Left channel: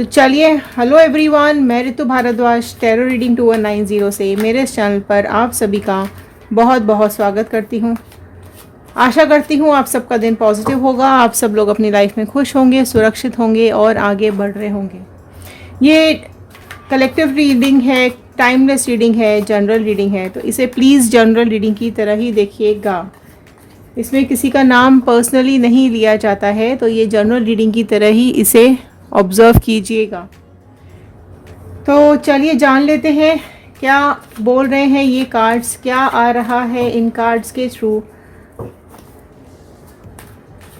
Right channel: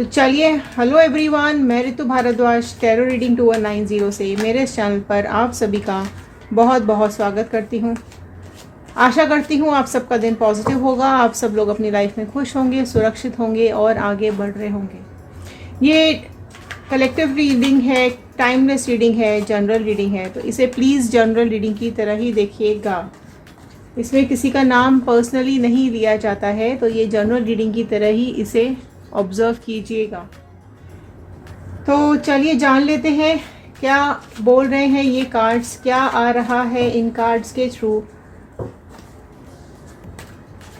तो चलिए, hello everyone, मैं ऋतु भारद्वाज टैरो रीडिंग 2190 से मेरे इस चैनल पर आप सभी का बहुत बहुत स्वागत करती हूँ। आशा करती हूँ आप सबका दिन पॉजिटिव होगा, आप सब लोग अपनी लाइफ में खुश होंगे, सुरक्षित होंगे और आगे बढ़ रहे होंगे। ये कलेक्टिव रीडिंग है, टाइमलेस रीडिंग है, जनरल रीडिंग है, तो इसे प्लीज़ जनरल रीडिंग की तरह ही देखिएगा। इसमें किसी का नाम पर्सनली नहीं लिया जाता है, तो ये जनरल रीडिंग की तरह ही इसे ऑब्जर्व कीजिएगा। तो चलिए जान लेते हैं क्या बोल रहे हैं ये कार्ड्स, क्या आ रहा है इन कार्ड्स के through.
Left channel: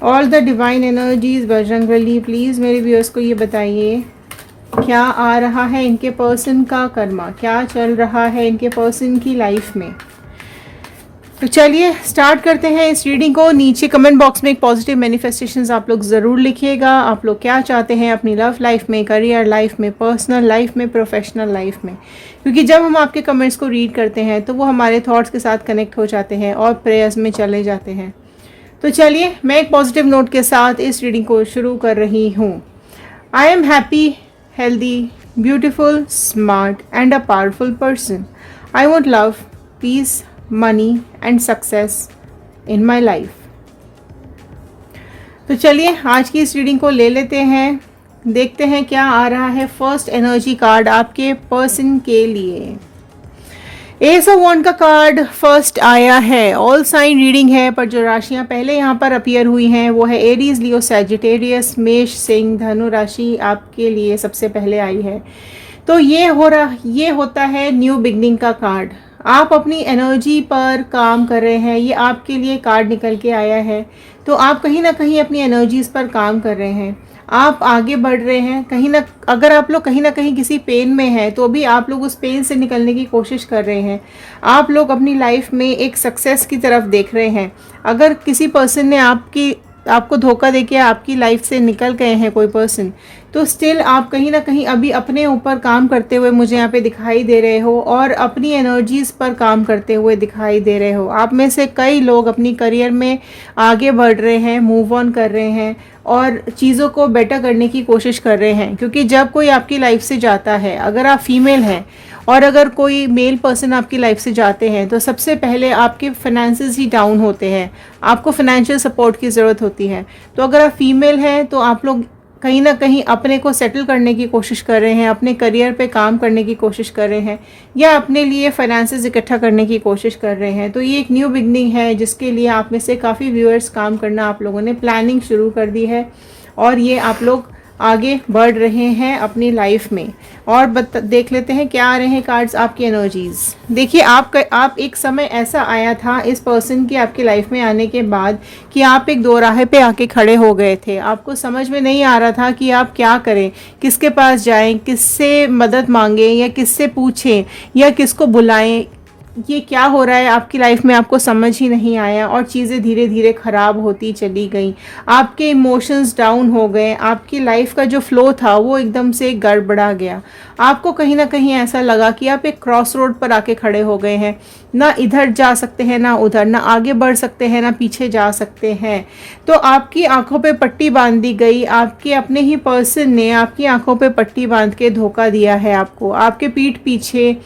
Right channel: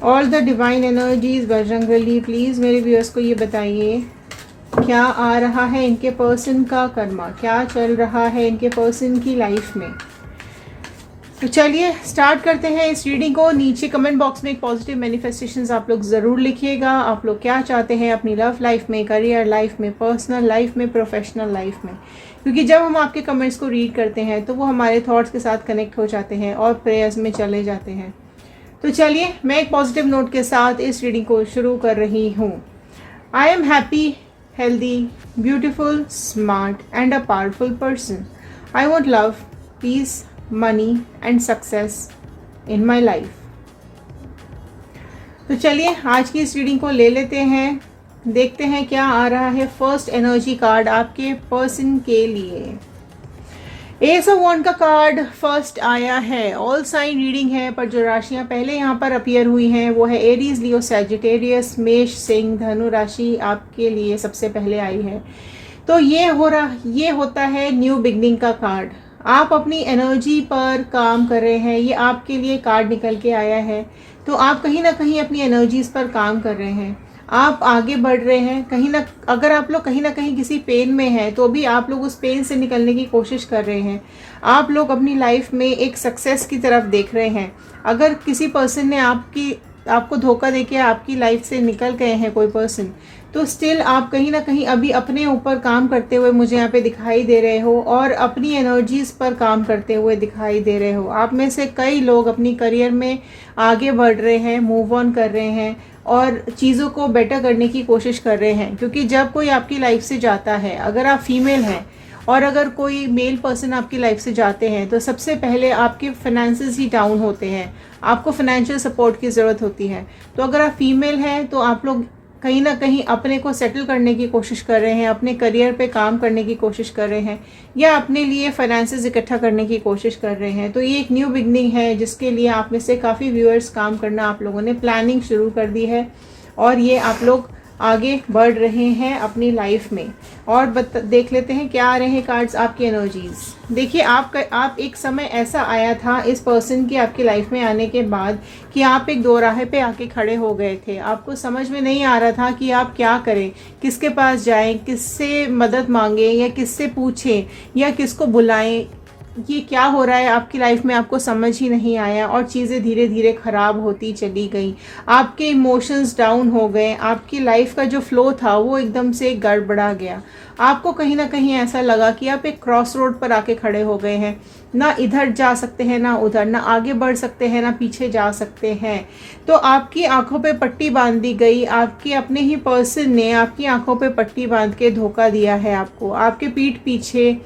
All the divine energies Bajrangbali, please मेरे व्यूअर्स को ये बताइए क्या आ रहा है इनके पर्सन का कर्मा, क्या चल रहा है इनके पर्सन की लाइफ में। तो चलिए स्टार्ट करते हैं इस रीडिंग को। नीचे कमेंट बॉक्स में एक पॉजिटिव मैनिफेस्टेशंस आप लोग ज़रूर लिखिएगा। आप लोग क्या चाहते हैं अपनी लव लाइफ में, करियर लाइफ में, पर्सनल लाइफ में, प्रोफेशनल लाइफ में, क्योंकि जब हम आपके कमेंट्स को रीड करते हैं तो वो हमारे थॉट्स के साथ कनेक्ट हो जाते हैं और प्रेयर्स में चले जाते हैं। तो चलिए मैं एक पॉजिटिव नोट के साथ इस रीडिंग को शुरू कर रही हूँ। I am happy, healthy, beautiful, smart and a powerful person. I want love, peace, money and success in my life. तो चलिए आज की इस रीडिंग को ले लेते हैं, देखते हैं क्या आ रहा है फर्स्ट एनर्जी कार्ड आपके पर्सन के लिए। एस ऑफ वॉन्ड का कार्ड फर्स्ट आया है। ऑल साइन रीडिंग है, पर जो राशियां पहले यहाँ पर अपीयर हुई हैं वो है एरीज, लियो, सैजिटेरियस, मेष, सिंह, धनु राशि आपके लिए सबसे पहले आई है। तो ये होता है न्यू बिगनिंग का कार्ड। आप अपनी एनर्जी पर काम कर रहे हैं, ये आपके लिए कार्ड निकल के आया है। तो आप कहीं ना कहीं अपनी एनर्जीज पर काम कर रहे हैं, आप आगे बढ़ रहे हैं। अगर आप लोग कहीं ना कहीं किसी पेन में हैं तो भी आप लोग उस पेन से निकलने की कोशिश कर रहे हैं। आप लोग अपनी लाइफ में एक सक्सेस की तरफ देख रहे हैं। अगर किसी पर्सन ने आपको धोखा देके आपकी लाइफ से निकल गए हैं कोई पर्सन, तो स्टिल आप कहीं ना कहीं अभी अपने ऊपर काम करते हुए मुझे यहाँ पे दिखाई दे रहे हो और अपनी एनर्जीज पर काम करते हुए दिखाई दे रहे हो। आप में से कई लोग अपनी करियर में आगे बढ़ रहे हैं, मूव ऑन कर रहे हैं और चीज़ों को बेटर करने की कोशिश कर रहे हैं। क्योंकि जब कोई आपकी लाइफ से जाता है, अगर आप फीमेल हैं और अगर कोई मेल पर्सन आपकी लाइफ से जाते हैं, तो सबसे पहले आपके फाइनेंसेस ही डाउन होते हैं, आपको फाइनेंशियल सपोर्ट की ज़रूरत होती है। तो अगर आप फीमेल हैं तो आप लोग कहीं ना कहीं अपने को सेटल करने की कोशिश कर रहे हैं, अपने करियर पे काम करने की कोशिश कर रहे हैं, या अपने लिए फाइनेंसेस इकट्ठा करने की कोशिश कर रहे हैं। तो ये एक न्यू बिगनिंग है जिसके लिए आप में से काफ़ी व्यूअर्स काम करना आप लोगों ने प्लानिंग शुरू कर दी है और ये आप लोग आगे बढ़ रहे हैं अपनी लाइफ में। और देख लेते हैं क्या आ रहे हैं कार्ड्स आपकी एनर्जीज। देखिए आप एक समय ऐसा आया था इस पर्सन की आपकी लाइफ में आने के बाद कि आप एक दोराहे पे आके खड़े हो गए थे। आपको समझ में नहीं आ रहा था कि आप क्या करें, किसके पास जाएं, किससे मदद मांगें या किससे पूछें या किसको बुलाएं। ये क्या हो रहा है आपकी लाइफ में आपको समझ ही नहीं आया और चीज़ें धीरे धीरे ख़राब होती चली गई। आपके इमोशंस डाउन हो गए, आपकी लाइफ का जो फ्लो था वो एकदम से गड़बड़ा गया। आपको कहीं ना कहीं ऐसा लगा कि आप एक क्रॉस रोड पर आके खड़े हो गए हैं, ना इधर जा सकते हैं ना उधर, ना आगे बढ़ सकते हैं ना पीछे जा सकते हैं। तो आपकी आंखों पे पट्टी बांध दी गई, आपके अपने ही पर्सन ने आपकी आंखों पे पट्टी बांध के धोखा दिया है आपको, आपके पीठ पीछे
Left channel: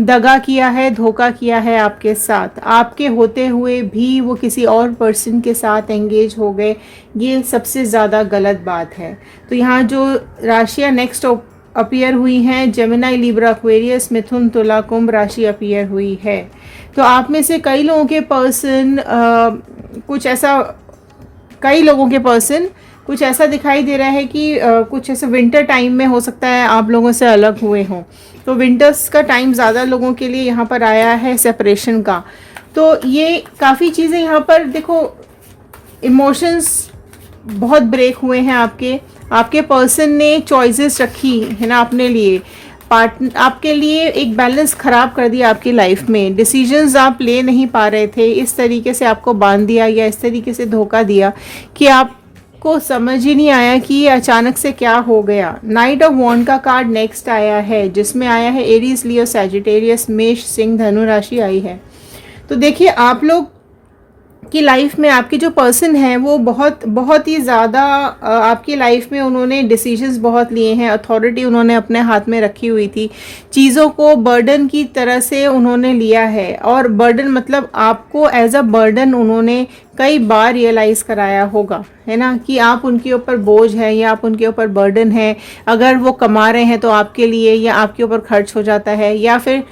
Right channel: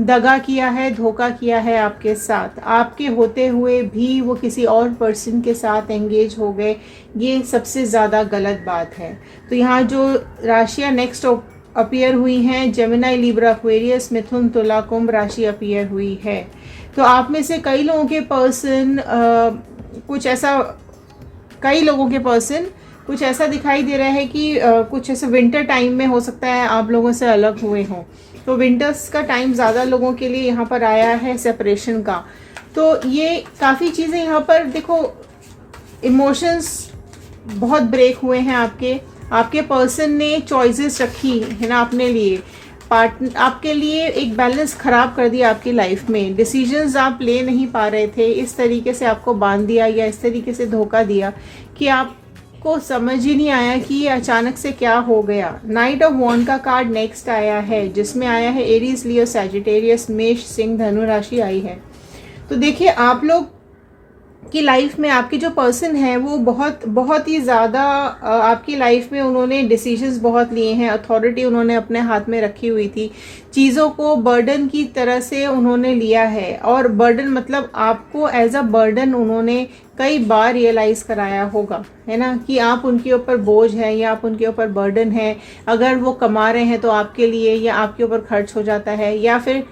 दगा किया है, धोखा किया है आपके साथ। आपके होते हुए भी वो किसी और पर्सन के साथ एंगेज हो गए। ये सबसे ज़्यादा गलत बात है। तो यहाँ जो राशियाँ नेक्स्ट अपीयर हुई हैं, जेमिनी, लिब्रा, एक्वेरियस, मिथुन, तुला, कुंभ राशि अपीयर हुई है। तो आप में से कई लोगों के पर्सन कुछ ऐसा दिखाई दे रहा है कि कुछ ऐसे विंटर टाइम में हो सकता है आप लोगों से अलग हुए हों। तो विंटर्स का टाइम ज़्यादा लोगों के लिए यहाँ पर आया है सेपरेशन का। तो ये काफ़ी चीज़ें यहाँ पर देखो, इमोशंस बहुत ब्रेक हुए हैं आपके पर्सन ने चॉइसेस रखी है ना अपने लिए, आपके लिए एक बैलेंस खराब कर दिया आपकी लाइफ में। डिसीजंस आप ले नहीं पा रहे थे, इस तरीके से आपको बांध दिया या इस तरीके से धोखा दिया कि आपको समझ ही नहीं आया कि ये अचानक से क्या हो गया। नाइट ऑफ वॉन्ड का कार्ड नेक्स्ट आया है जिसमें आया है एरीज, लियो, सैजिटेरियस, मेष, सिंह, धनु राशि आई है। तो देखिए आप लोग कि लाइफ में आपके जो पर्सन है वो बहुत बहुत ही ज़्यादा आपकी लाइफ में उन्होंने डिसीजंस बहुत लिए हैं, अथॉरिटी उन्होंने अपने हाथ में रखी हुई थी, चीज़ों को बर्डन की तरह से उन्होंने लिया है। और बर्डन मतलब आपको एज अ बर्डन उन्होंने कई बार रियलाइज़ कराया होगा, है ना, कि आप उनके ऊपर बोझ है या आप उनके ऊपर बर्डन है। अगर वो कमा रहे हैं तो आपके लिए या आपके ऊपर खर्च हो जाता है, या फिर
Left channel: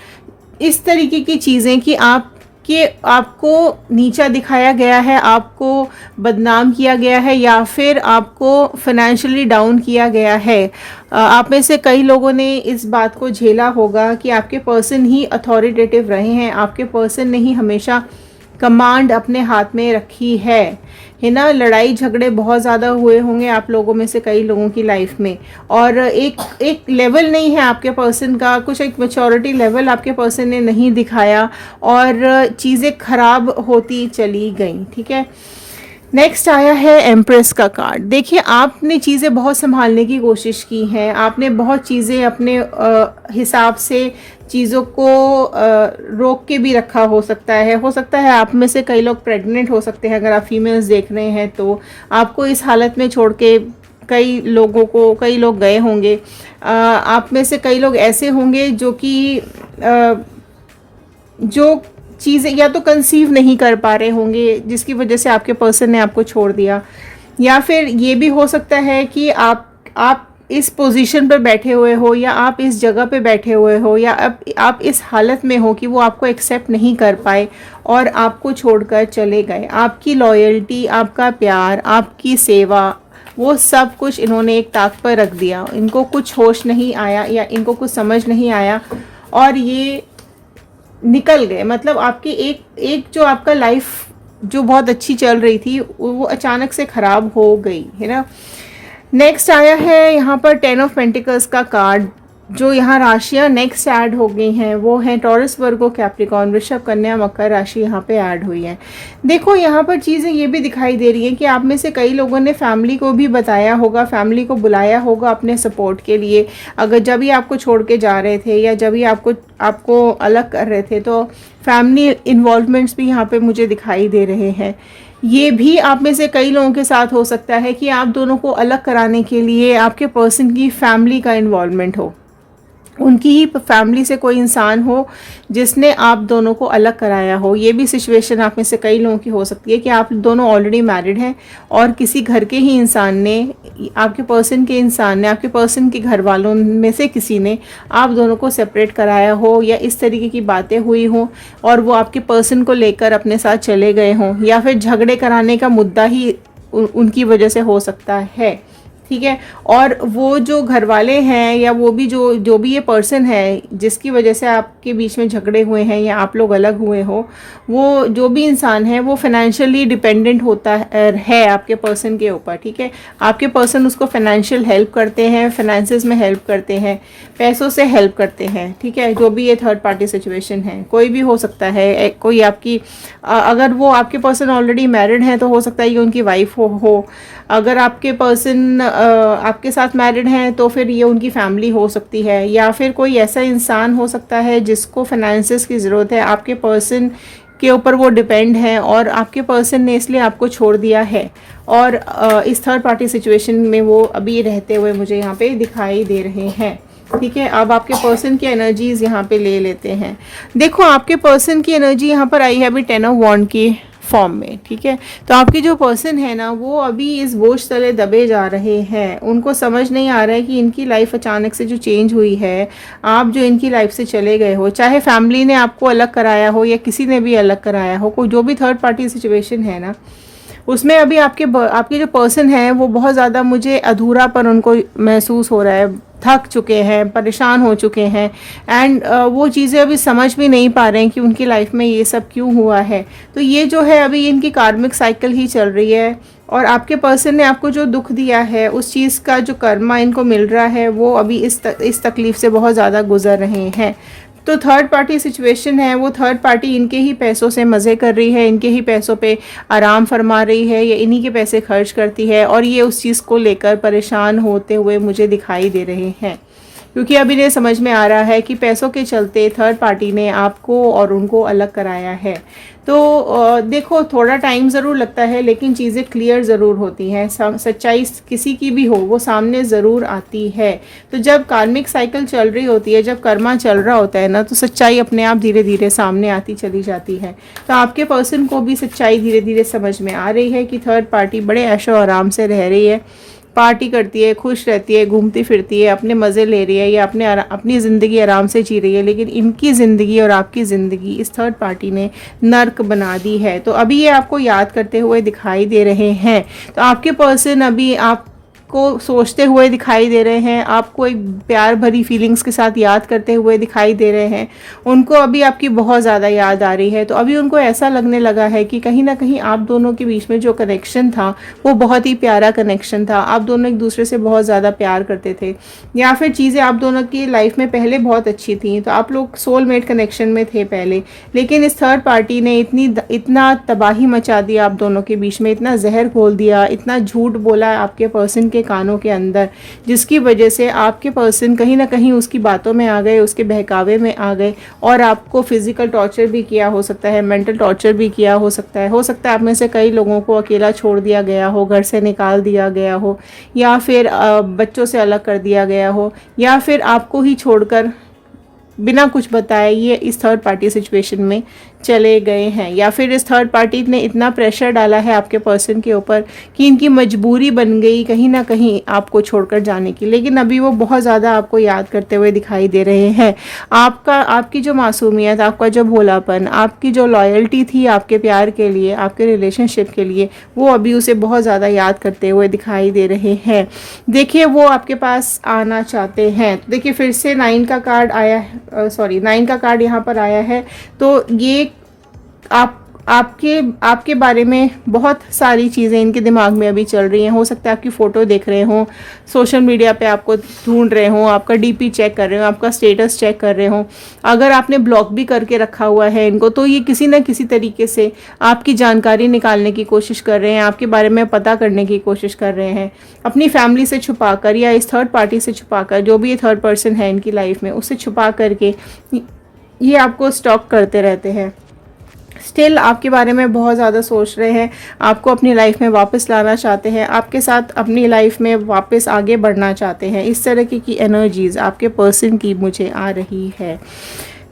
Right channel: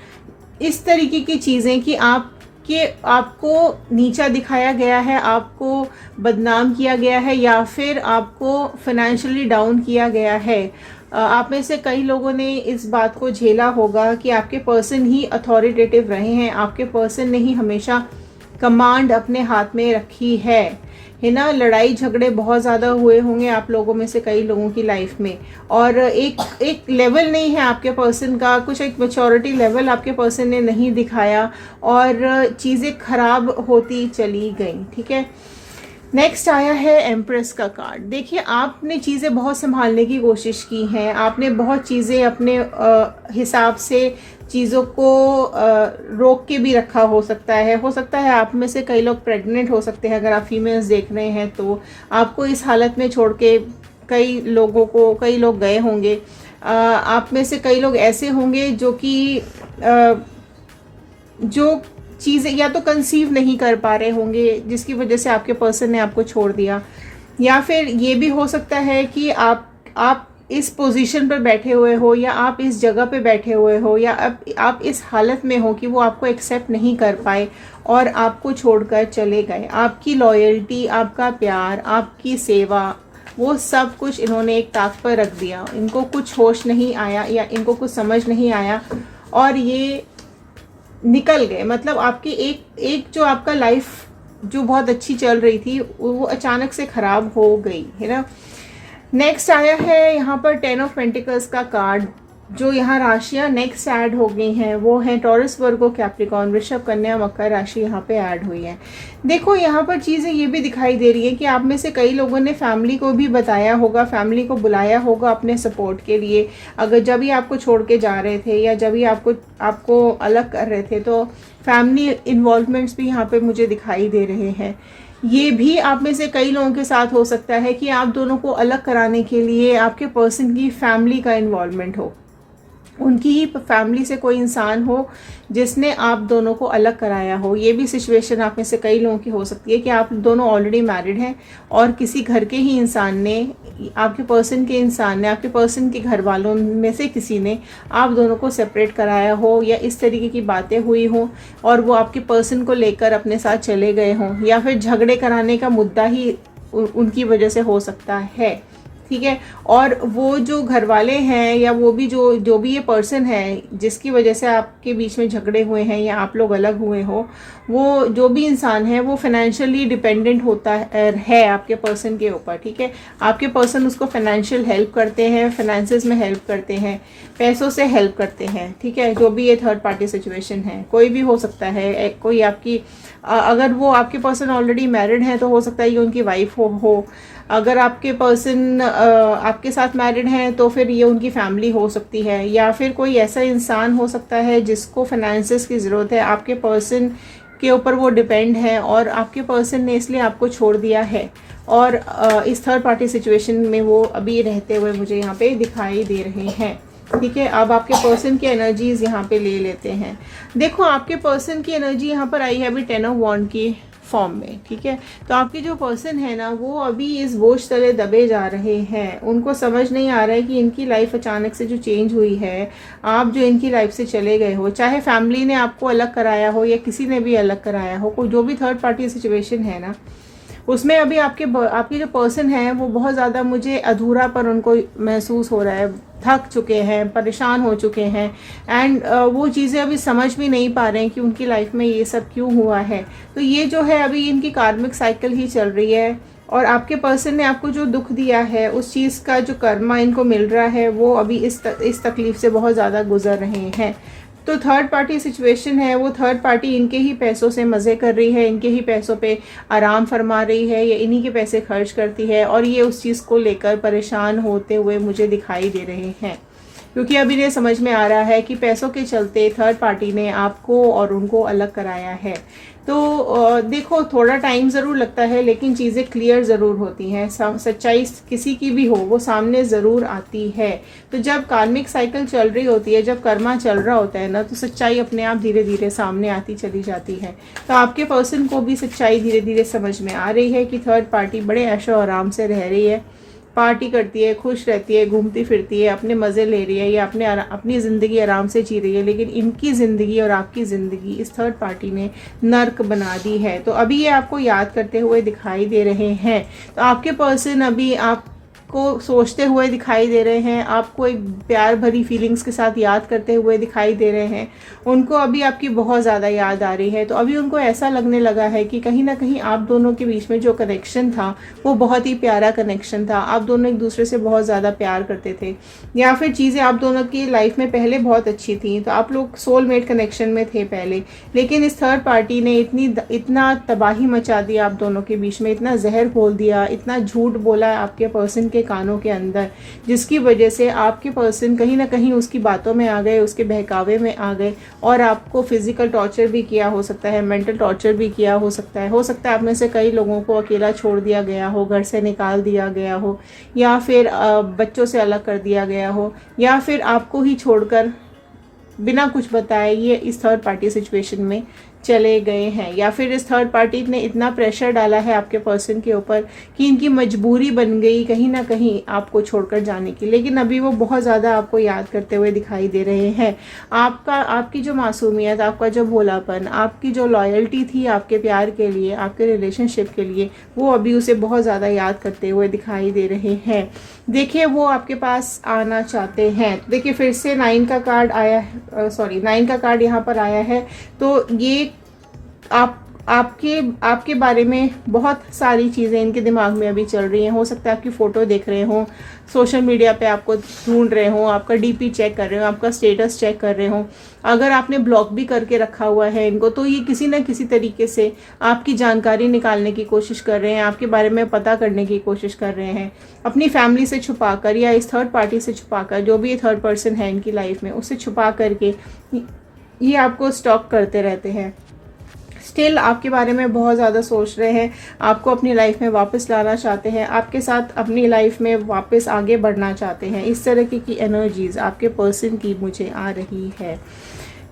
इस तरीके की चीज़ें कि आपको नीचा दिखाया गया है, आपको बदनाम किया गया है, या फिर आपको फाइनेंशियली डाउन किया गया है। आप में से कई लोगों ने इस बात को झेला होगा कि आपके पर्सन ही अथॉरिटेटिव रहे हैं, आपके पर्सन ने ही हमेशा कमांड अपने हाथ में रखी है ना। लड़ाई झगड़े बहुत ज़्यादा हुए होंगे आप लोगों में से कई लोगों की लाइफ में, और एक लेवल नहीं है आपके पर्सन का, कुछ एक मैच्योरिटी लेवल आपके पर्सन ने नहीं दिखाया और चीज़ें खराब होती चली गई। ठीक है, नेक्स्ट आया है एम्प्रेस का कार्ड। देखिए, आपने चीज़ें बहुत संभालने की कोशिश की हैं, आपने बहुत चीज़ें अपने हिसाब से चीज़ों को रोक के भी रखा हो सकता है आप में से कई लोग प्रेग्नेंट हो सकते हैं, अगर आप फीमेल्स देख रहे हैं तो आपको इस हालत में छोड़ के कई लोग गए होंगे। आप में से कई लोग ऐसे होंगे जो चीज़ें या तो कंसीव नहीं कर पा रहे होंगे, जिसकी वजह से आपके पर्सन ने आपको छोड़ दिया, या फिर ये भी हो सकता है कि आप इस पोजीशन पर बैठे हुए हो, या आप इस जगह पे बैठे हुए हो, या आप इस हालत में हो कि वो आपको एक्सेप्ट नहीं कर पाए और आपको छोड़कर चले गए। आपकी लॉयल्टी, आपका प्यार, आपकी सेवा, वो सब कुछ इन्होंने एक ताक पर रख दिया। इनको कुछ होश नहीं आया या इनको कुछ समझ नहीं आया और ये निकल गए। मतलब आपकी एक जो आपका लाइफ जो बहुत अच्छी चल रही थी वो अचानक से खराब हो गई, है ना। नेक्स्ट आया है यहाँ पर 10 ऑफ पेंटिकल्स का कार्ड। जो यहाँ राशियाँ नेक्स्ट ऐड हो गई हैं वो है टॉरस, वर्गो, कैप्रिकॉर्न, वृषभ, कन्या, मकर राशि यहाँ पे ऐड हुई है। देखो, यहाँ पर चीज़ें ये भी दिखाई दे रही है कि आप में से कई लोगों ने फैमिली को भी बताया होगा, फैमिली को बुलाया होगा अपने सपोर्ट के लिए। अगर जब भी आपको छोड़ के जा रहे थे या जब भी आपको अलग कर रहे थे, तो फैमिली इन्वॉल्वमेंट्स भी यहाँ पे मुझे दिखाई दे रहे हैं। ये भी आप में से कई लोगों के साथ हो सकता है कि आप दोनों को अलग कराने के लिए आपके पर्सन की फैमिली का इन्वॉल्वमेंट हो, उनकी ही फैमिली से कोई इंसान हो जिसने आप दोनों को अलग कराया हो। ये भी सिचुएशन आप में से कई लोगों की हो सकती है कि आप दोनों ऑलरेडी मैरिड हैं और किसी घर के ही इंसान ने, आपके पर्सन के इंसान ने, आपके पर्सन के घर वालों में से किसी ने आप दोनों को सेपरेट कराया हो, या इस तरीके की बातें हुई हो और वो आपके पर्सन को लेकर अपने साथ चले गए हों, या फिर झगड़े कराने का मुद्दा ही उनकी वजह से हो सकता है। ठीक है, और वो जो घर वाले हैं या वो भी जो भी ये पर्सन है जिसकी वजह से आपके बीच में झगड़े हुए हैं या आप लोग अलग हुए हो, वो जो भी इंसान है वो फाइनेंशियली डिपेंडेंट होता है आपके पर्सन के ऊपर। ठीक है, आपके पर्सन उसको फाइनेंशियल हेल्प करते हैं, फाइनेंसेस में हेल्प करते हैं, पैसों से हेल्प करते हैं। ठीक है, जो भी ये थर्ड पार्टी सिचुएशन है, कोई भी हो सकता है, कोई आपकी अगर वो आपके पर्सन ऑलरेडी मैरिड हैं तो हो सकता है ये उनकी वाइफ हो। अगर आपके पर्सन आपके साथ मैरिड हैं तो फिर ये उनकी फैमिली हो सकती है, या फिर कोई ऐसा इंसान हो सकता है जिसको फाइनेंसेस की ज़रूरत है, आपके पर्सन के ऊपर वो डिपेंड है और आपके पर्सन ने इसलिए आपको छोड़ दिया है, और इस थर्ड पार्टी सिचुएशन में वो अभी रहते हुए मुझे यहाँ पे दिखाई दे रहे हैं। ठीक है, अब आपके पर्सन की एनर्जीज यहाँ पे ले लेते हैं। देखो, आपके पर्सन की एनर्जी यहाँ पर आई है अभी 10 ऑफ वॉन्ड की फॉर्म में। ठीक है, तो आपके जो पर्सन है ना वो अभी इस बोझ तले दबे जा रहे हैं। उनको समझ नहीं आ रहा है कि इनकी लाइफ अचानक से जो चेंज हुई है, आप जो इनकी लाइफ से चले गए हो, चाहे फैमिली ने आपको अलग कराया हो या किसी ने भी अलग कराया हो, कोई जो भी थर्ड पार्टी सिचुएशन है ना, उसमें अभी आपके जो पर्सन है वो बहुत ज़्यादा मुझे अधूरापन उनको महसूस हो रहा है, थक चुके हैं, परेशान हो चुके हैं, एंड वो चीज़ें अभी समझ भी नहीं पा रहे हैं कि उनकी लाइफ में ये सब क्यों हुआ है। तो ये जो है अभी इनकी कार्मिक साइकिल ही चल रही है, और आपके पर्सन ने आपको जो दुख दिया है उस चीज़ का जो कर्मा इनको मिल रहा है वो अभी इस तकलीफ से बहुत ज़्यादा गुजर रहे हैं। तो थर्ड पार्टी सिचुएशन है, वो थर्ड पार्टी इनके ही पैसों से मज़े कर रही है, इनके ही पैसों पे आराम फरमा रही है या इन्हीं के पैसे खर्च करती है, और ये उस चीज़ को लेकर परेशान होते हुए मुझे दिखाई दे रहे हैं। क्योंकि अभी ये समझ में आ रहा है कि पैसों के चलते थर्ड पार्टी ने आपको और उनको अलग कराया है। तो देखो थोड़ा टाइम ज़रूर लगता है, लेकिन चीज़ें क्लियर ज़रूर होती हैं। सच्चाई किसी की भी हो वो सामने ज़रूर आती है। तो जब कार्मिक साइकिल चल रही होती है, जब कर्मा चल रहा होता है ना, तो सच्चाई अपने आप धीरे धीरे सामने आती चली जाती है। तो आपके पर्सन को भी सच्चाई धीरे धीरे समझ में आ रही है कि थर्ड पार्टी बड़े ऐशो आराम से रह रही है, पार्टी करती है, खुश रहती है, घूमती फिरती है, अपने मज़े ले रही है, या अपनी ज़िंदगी आराम से जी रही है। लेकिन इनकी ज़िंदगी और आपकी ज़िंदगी इस थर्ड पार्टी ने नर्क बना दी है। तो अभी ये आपको याद करते हुए दिखाई दे रहे हैं। तो आपके पर्सन अभी आपको सोचते हुए दिखाई दे रहे हैं, आपको एक प्यार भरी फीलिंग्स के साथ याद करते हुए दिखाई दे रहे हैं। उनको अभी आपकी बहुत ज़्यादा याद आ रही है। तो अभी उनको ऐसा लगने लगा है कि कहीं ना कहीं आप दोनों के बीच में जो कनेक्शन था वो बहुत ही प्यारा कनेक्शन था। आप दोनों एक दूसरे से बहुत ज़्यादा प्यार करते थे, या फिर चीज़ें आप दोनों की लाइफ में पहले बहुत अच्छी थी। तो आप लोग सोलमेट कनेक्शन में थे पहले, लेकिन इस थर्ड पार्टी ने इतना तबाही मचा दी आप दोनों के बीच में, इतना जहर घोल दिया, इतना झूठ बोला आपके पर्सन के कानों के अंदर, जिसकी वजह से आपके पर्सन कहीं ना कहीं उसकी बातों में आ गए, उसके बहकावे में आ गए, और आपको फिजिकल टॉर्चर भी किया हो सकता है, मेंटल टॉर्चर भी किया हो सकता है। आप में से कई लोगों को अकेला छोड़ दिया गया हो, घर से निकाल दिया गया हो, या फिर बच्चों से अलग कर दिया गया हो, या फिर आपको ही छोड़कर बिना कुछ बताए ये इस थर्ड पार्टी सिचुएशन में चले गए हैं। या फिर इस थर्ड पार्टी ने इतना प्रेशर डाला है आपके पर्सन के ऊपर कि इनकी मजबूरी बन गई कहीं ना कहीं आपको छोड़कर जाने की। लेकिन अभी वो बहुत ज़्यादा आपको याद करते हुए दिखाई दे रहे हैं। आपकी जो मासूमियत, आपका जो भोलापन, आपकी जो लॉयल्टी थी आपके प्यार के लिए, आपके रिलेशनशिप के लिए, वो अभी उसे बहुत ज़्यादा याद करते हुए दिखाई दे रहे हैं। देखिए वो आपके पास आना चाहते हैं। देखिए फिर से 9 का कार्ड आया है, 9 का कार्ड यहाँ पर आया है। तो ये आपके बारे में बहुत सारी चीज़ें इनके दिमाग में अभी चल रही हैं। हो सकता है आपकी फ़ोटो देख रहे हों, सोशल मीडिया पे आपको ढूंढ रहे हों, आपका डीपी चेक कर रहे हो, आपका स्टेटस चेक कर रहे हों। अगर आपने ब्लॉक भी करके रखा हुआ है इनको, तो ये किसी न किसी तरीके से आपकी जानकारी निकालने की कोशिश कर रहे हैं, आपके बारे में पता करने की कोशिश कर रहे हैं, अपनी फैमिली से छुपाकर या इस थर्ड पार्टी से छुपाकर, जो भी ये थर्ड पर्सन है इनकी लाइफ में, उससे छुपा करके ये आपको स्टॉक करते रहते हैं। स्टिल आपके बारे में बहुत ज़्यादा सोच रहे हैं, आपको अपनी लाइफ में वापस लाना चाहते हैं, आपके साथ अपनी लाइफ में वापस आगे बढ़ना चाहते हैं। इस तरह की एनर्जीज आपके पर्सन की मुझे आ रही है।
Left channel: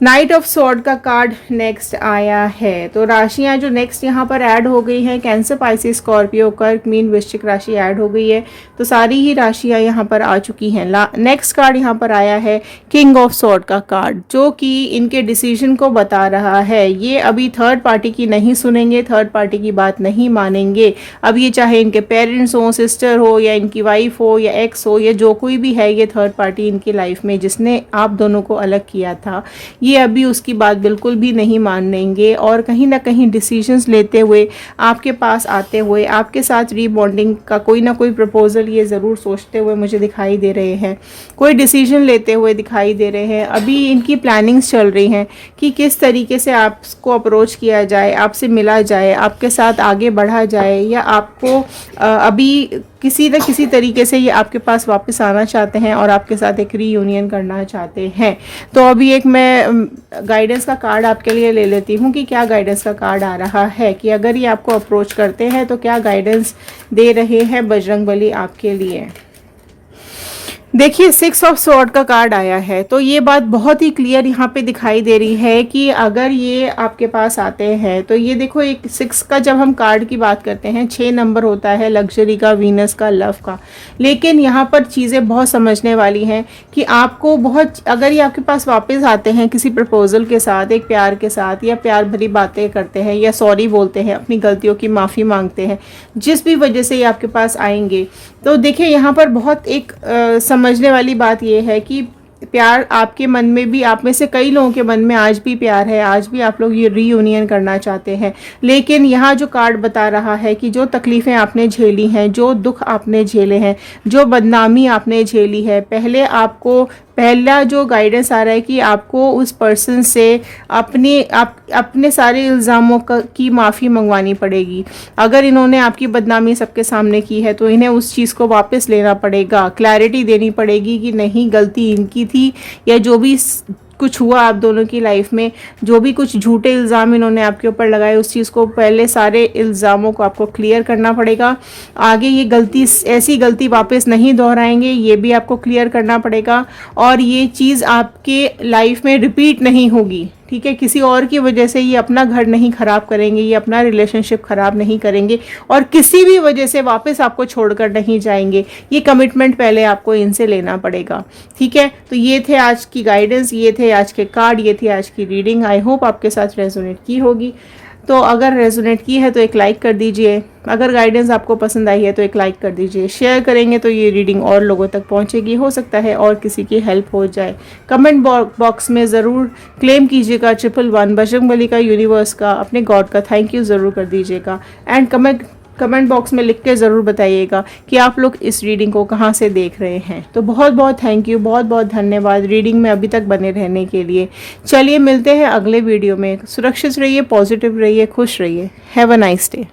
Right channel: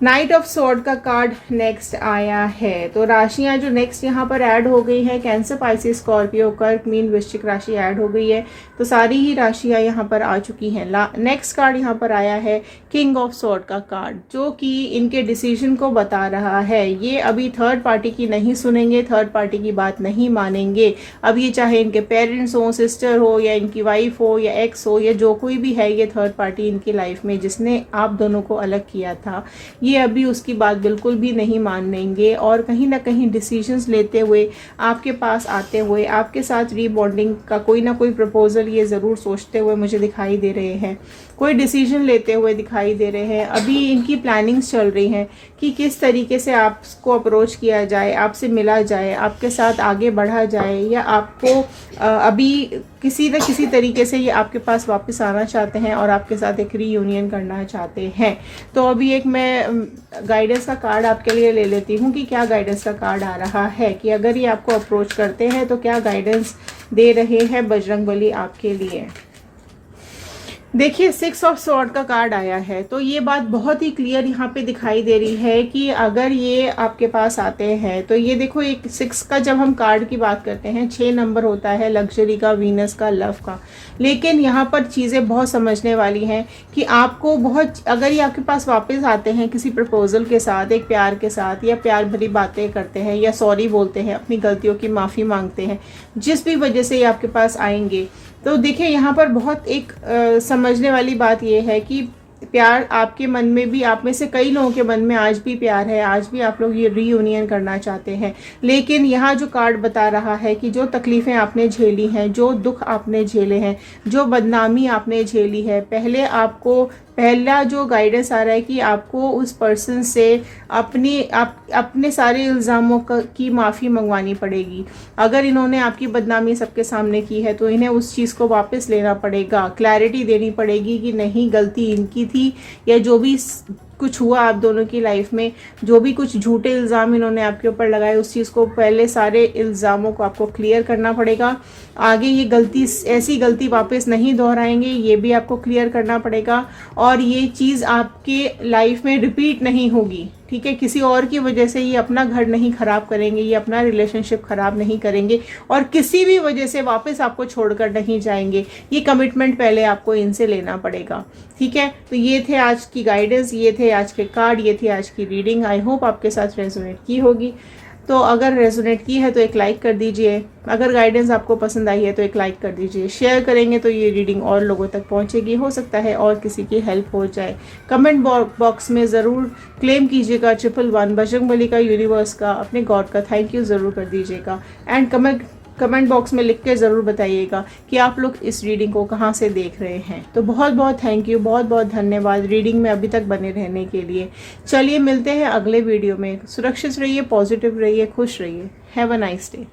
नाइट ऑफ स्वॉर्ड का कार्ड नेक्स्ट आया है। तो राशियां जो नेक्स्ट यहाँ पर ऐड हो गई हैं, कैंसर, पाइसिस, स्कॉर्पियो, कर्क, मीन, वृश्चिक राशि ऐड हो गई है। तो सारी ही राशियां यहाँ पर आ चुकी हैं। नेक्स्ट कार्ड यहाँ पर आया है किंग ऑफ स्वॉर्ड का कार्ड, जो कि इनके डिसीजन को बता रहा है। ये अभी थर्ड पार्टी की नहीं सुनेंगे, थर्ड पार्टी की बात नहीं मानेंगे। अब ये चाहे इनके पेरेंट्स हो, सिस्टर हो, या इनकी वाइफ हो, या एक्स हो, या जो कोई भी है ये थर्ड पार्टी इनकी लाइफ में जिसने आप दोनों को अलग किया था, ये अभी उसकी बात बिल्कुल भी नहीं मानेंगे। और कहीं ना कहीं डिसीजंस लेते हुए, आपके पास आते हुए, आपके साथ रीबॉन्डिंग का कोई ना कोई प्रपोजल ये ज़रूर सोचते हुए मुझे दिखाई दे रहे हैं, कोई डिसीजन लेते हुए दिखाई दे रहे हैं। अभी इनकी प्लानिंग्स चल रही हैं कि किस तरीके से आपको अप्रोच किया जाए, आपसे मिला जाए, आपके साथ आगे बढ़ा जाए, या आपको अभी किसी न किसी तरीके से ये आपके पास वापस आना चाहते हैं और आपके साथ एक रीयूनियन करना चाहते हैं। तो अभी एक मैं गाइडेंस का कार्ड आपके लिए ले लेती हूँ कि क्या गाइडेंस का कार्ड आ रहा है, कि अगर ये आपको अप्रोच करते हैं तो क्या गाइडेंस दे रहे हैं बजरंगबली आपके लिए। देखिए 6 ऑफ स्वॉर्ड का कार्ड आया है। तो ये बात बहुत ही क्लियर यहाँ पे दिखाई दे रही है कि अगर ये आपके पास आते हैं तो ये देखो, एक 6 का जब हम कार्ड की बात करते हैं, 6 नंबर होता है लग्जरी का, वीनस का, लव का। लेकिन यहाँ पर चीज़ें बहुत समझने वाली हैं कि आपको बहुत, अगर ये आपके पास वापस आते हैं किसी प्रपोजल के साथ, एक प्यार के साथ, या प्यार भरी बातें करते हैं, या सॉरी बोलते हैं, अपनी गलतियों की माफ़ी मांगते हैं, जिस भी वजह से ये आपके पास आएंगे, तो देखिए यहाँ पर बहुत एक समझने वाली बात यह है कि प्यार आपके मन में भी, आप में से कई लोगों के मन में आज भी प्यार है, आज भी आप लोग ये रीयूनियन करना चाहते हैं। लेकिन यहाँ जो कार्ड बता रहा है कि जो तकलीफ़ें आपने झेली हैं, जो दुख आपने झेले हैं, जो बदनामी आपने झेली है, पहले आपको पहला जो गाइडेंस आ रहा है कि आपको उस पर्सन से अपने सारे इल्ज़ामों की माफ़ी मंगवानी पड़ेगी। अगर इन्होंने आपकी बदनामी सबके सामने की है तो इन्हें उस चीज़ को वापस लेना पड़ेगा, क्लैरिटी देनी पड़ेगी कि नहीं गलती इनकी थी, या जो भी कुछ हुआ आप दोनों की लाइफ में, जो भी कुछ झूठे इल्ज़ाम इन्होंने आपके ऊपर लगाए, उस चीज़ को पहले सारे इल्ज़ामों को आपको क्लियर करना पड़ेगा। आगे ये गलती, ऐसी गलती वापस नहीं दोहराएंगे, ये भी आपको क्लियर करना पड़ेगा। और ये चीज़ आपके लाइफ में रिपीट नहीं होगी, ठीक है। किसी और की वजह से ये अपना घर नहीं ख़राब करेंगे, ये अपना रिलेशनशिप ख़राब नहीं करेंगे, और किसी भी वजह से वापस आपको छोड़कर नहीं जाएंगे। ये कमिटमेंट पहले आपको इनसे लेना पड़ेगा, ठीक है। तो ये थे आज की गाइडेंस, ये थे आज के कार्ड, ये थी आज की रीडिंग। आई होप आपके साथ रेजोनेट की होगी। तो अगर रेजोनेट की है तो एक लाइक कर दीजिए, अगर गाइडेंस आपको पसंद आई है तो एक लाइक कर दीजिए, शेयर करेंगे तो ये रीडिंग और लोगों तक पहुंचेगी, हो सकता है और किसी की हेल्प हो जाए। कमेंट बॉक्स में ज़रूर क्लेम कीजिएगा 111 बजरंगबली का, यूनिवर्स का, अपने गॉड का थैंक यू ज़रूर कर दीजिएगा। एंड कमेंट बॉक्स में लिख के ज़रूर बताइएगा कि आप लोग इस रीडिंग को कहाँ से देख रहे हैं। तो बहुत बहुत थैंक यू, बहुत बहुत धन्यवाद रीडिंग में अभी तक बने रहने के लिए। चलिए मिलते हैं अगले वीडियो में। सुरक्षित रहिए, पॉजिटिव रहिए, खुश रहिए। Have a nice day.